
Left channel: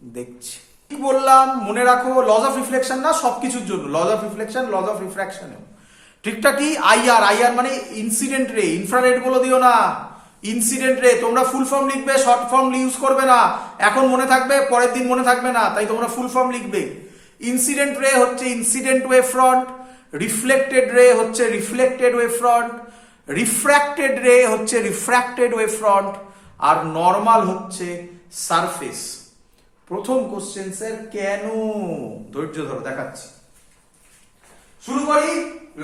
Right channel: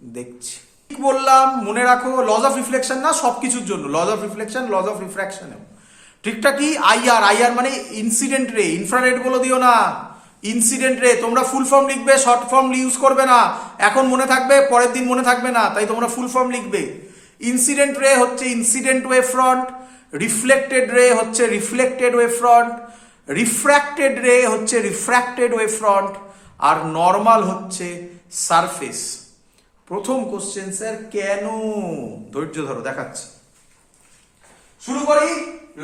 দেখছি। কি বললাম মনে রাখো, লজ অফ রিফ্লেকশন না সবকিছুর জন্য, laws of reflection, laws of refraction. ঠিকটা কি? আইআর, আইআর মানে ইনসিডেন্ট রে, ইনফ্রারেড বলে দিও না, ইনসিডেন্ট রে। তোমরা ফুল ফর্ম লিখবে, শর্ট ফর্ম ইউজ করবে না, এখন মনে থাকবে পরের দিন মনে থাকবে না, তাই তোমরা ফুল ফর্ম লিখবে। ইনসিডেন্ট রে হচ্ছে ইনসিডেন্ট ওয়েভ ফ্রন্ট, রিফ্লেক্টেড রে হচ্ছে রিফ্লেক্টেড ওয়েভ ফ্রন্ট, রিফ্র্যাক্টেড রে হচ্ছে রিফ্র্যাক্টেড ওয়েভ ফ্রন্ট, আর নর্মাল হচ্ছে সারফেস। প্রথম কোশ্চেন স্যার কেন, ধৈর্য ধরো দেখাচ্ছি। শুরু করি,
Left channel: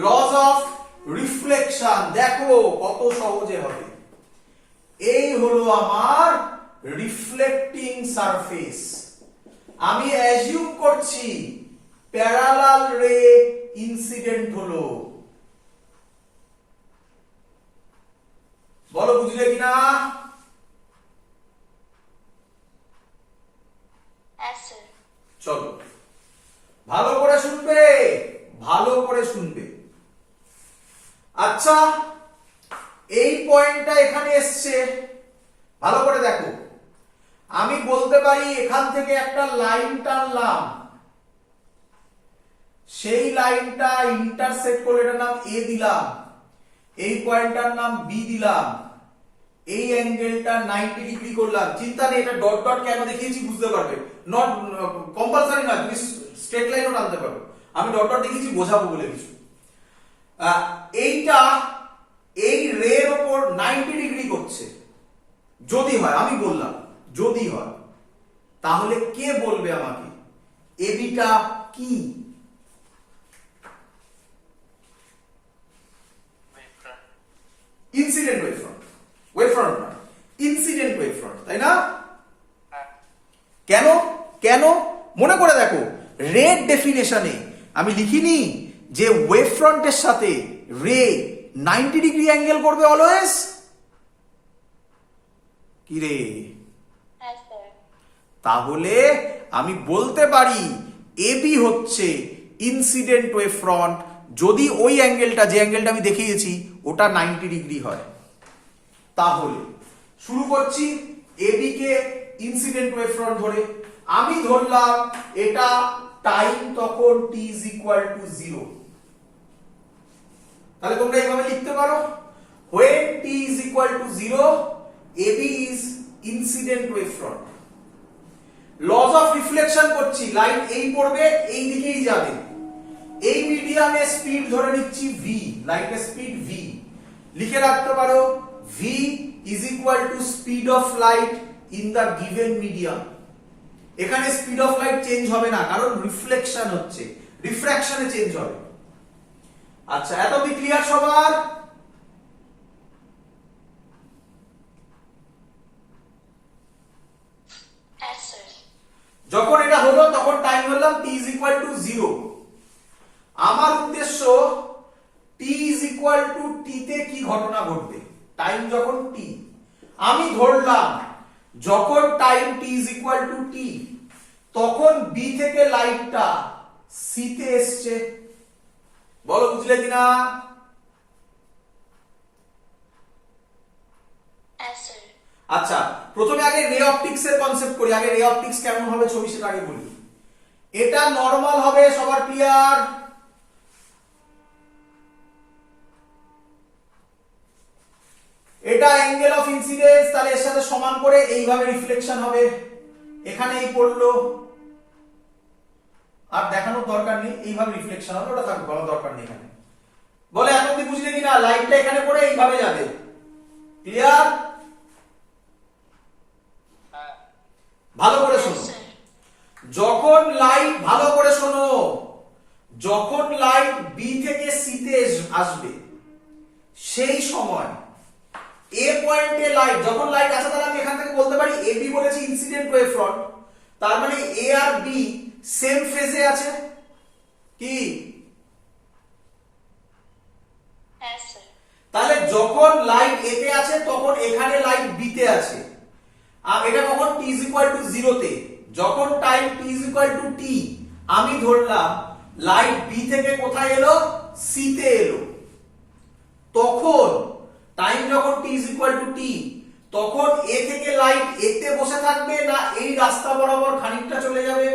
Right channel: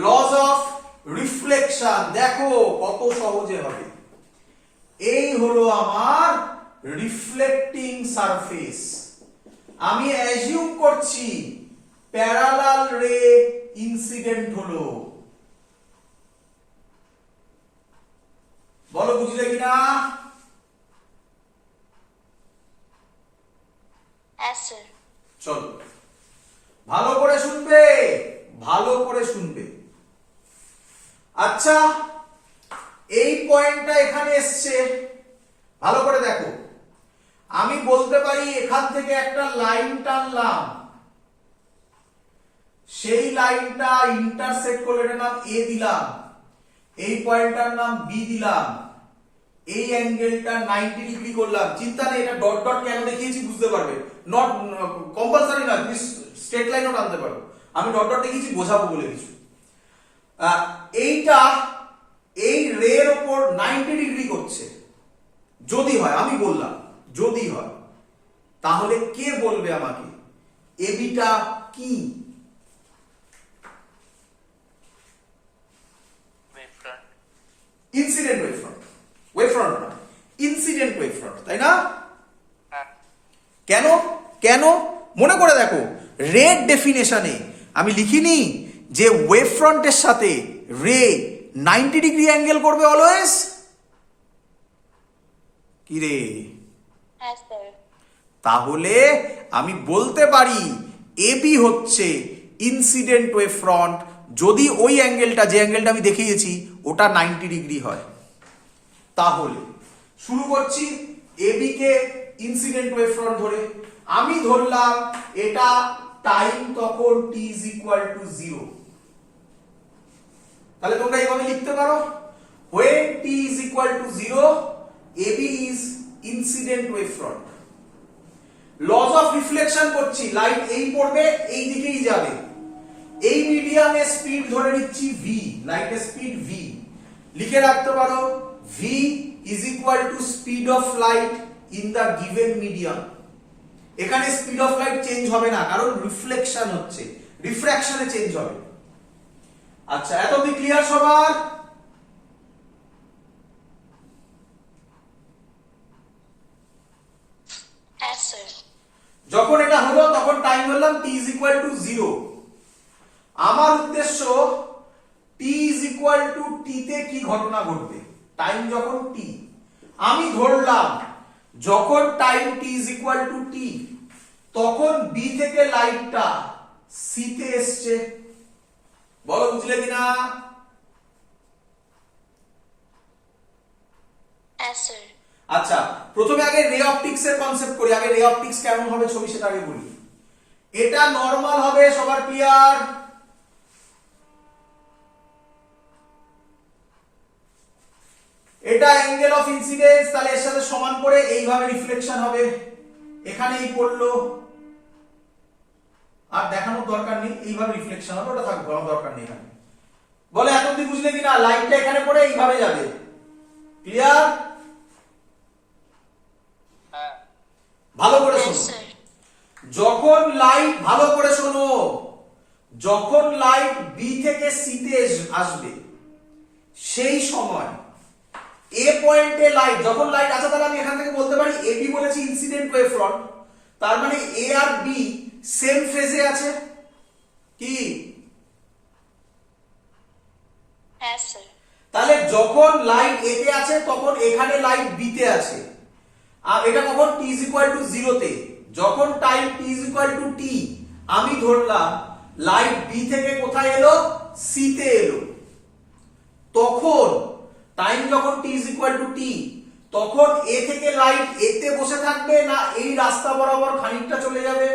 লজ অফ রিফ্লেকশন। দেখো কত সহজে হবে। এই হলো আমার রিফ্লেক্টিং সারফেস, আমি অ্যাজিউম করছি প্যারালাল রে ইনসিডেন্ট হলো। বলো বুঝলে কিনা? হ্যাঁ স্যার। চলো ভালো করে শুনবে, ভালো করে শুনবে। আচ্ছা এই পয়েন্টটা এখানে এসছে, ভালো করে দেখো। আমি বলতে পারি এখান থেকে একটা লাইন টানলাম, সেই লাইনটা ইন্টারসেক্ট করে এটার নাম এ দিলাম, এই পয়েন্টটার নাম বি দিলাম, এই অ্যাঙ্গেলটা 90 ডিগ্রি করলাম। চিন্তা নেই, এটা ডট ডট কেন দেখিয়েছি বুঝতে পারবে, নট কম্পালসারি না, তুমি স্ট্রেট লাইনও টানতে পারো, আমি ডট ডট দেখিয়েছি বোঝাবো বলে কিছু। এইটা এই রের উপর 90 ডিগ্রি করছে, যদি হয়, আমি বললাম যদি হয়, তাহলে কে বলবে আমাকে এবিটা কি? Incident wave front, wave front না, ইনসিডেন্ট ওয়েভ ফ্রন্ট, তাই না? কেন? কেন মনে করে দেখো, রের ডেফিনেশনে আমি লিখিনি যে ওয়েভ ফ্রন্টের সাথে রে 90 ডিগ্রি অ্যাঙ্গেল করবে অলওয়েজ? কি রে? হ্যাঁ স্যার। তাহলে আমি বলতে পারি এবি হচ্ছে ইনসিডেন্ট ওয়েভ ফ্রন্ট যদি ওই অ্যাঙ্গেলটা, যে অ্যাঙ্গেলটা আমি দেখিয়েছি, ওটা 90 ডিগ্রি হয়। তাহলে শুরু করছি এবি কে ইনসিডেন্ট ওয়েভ ফ্রন্ট ধরে। আমি ধরলাম এটা টাইম তখন t is equal to 0। তাহলে তোমরা এইভাবে লিখতে পারো, when t is equal to 0 AB is incident wave front। Laws of reflection করছি, লাইট এই পড়বে, এই দিকেই যাবে। এই মিডিয়ামে স্পিড ধরে নিচ্ছি v, লাইটের স্পিড v। লিখে রাখতে পারো v is equal to speed of light in the given medium। এখানে স্পিড অফ লাইট চেঞ্জ হবে না, কারণ রিফ্লেকশন হচ্ছে, রিফ্র্যাকশনে চেঞ্জ হবে। আচ্ছা, এত কি ক্লিয়ার সবার? হ্যাঁ স্যার। যখন এটা হলো তখন টাইম বললাম t is equal to 0। আমার উদ্দেশ্য t is equal to t তে কি ঘটনা ঘটবে, টাইম যখন t। আমি ধরলাম যখন time t is equal to t তখন b থেকে লাইটটা c তে এসছে। বলো বুঝলে কিনা? হ্যাঁ স্যার। আচ্ছা, প্রথমে আগে রে অপটিক্স এর কনসেপ্ট করি। আগে রে অপটিক্স কেমন হবে ছবি সেটা আগে বলি। এটা নরমাল হবে, সবার ক্লিয়ার? এটা অ্যাঙ্গেল অফ ইনসিডেন্স, তাহলে এর সাথে সমান করে এইভাবে রিফ্লেকশন হবে। এখানে এই পড়লো, আর দেখানোর দরকার নেই, এইভাবে রিফ্লেকশন হবে, ওটা থাকবে, বলার দরকার নেই এখানে। বলে এত অবধি বুঝলে কিনা? লাইটটা এখানে পড়ে এইভাবে যাবে। ক্লিয়ার? ভালো করে শোনো। যখন লাইট, ভালো করে শোনো, যখন লাইট বি থেকে সি তে আসবে সেই সময় এ পয়েন্টে লাইট, যখন লাইট আছে, তাহলে আমি এখান থেকে বলতে পারি এবি বলেছি ইনসিডেন্ট ওয়েভ ফ্রন্ট, তার মানে এ আর বি সেম ফেজে আছে। কি? হ্যাঁ স্যার। তাহলে যখন লাইট এ তে আছে তখন এখানে লাইট বি তে আছে। আর এটা কখন t is equal to 0 তে, যখন time t is equal to t আমি ধরলাম লাইট বি থেকে কোথায় এলো, সি তে এলো। তখন টাইম যখন t is equal to t তখন এ থেকে লাইট এ তে বসে থাকবে, না এই রাস্তা বরাবর খানিকটা চলে যাবে?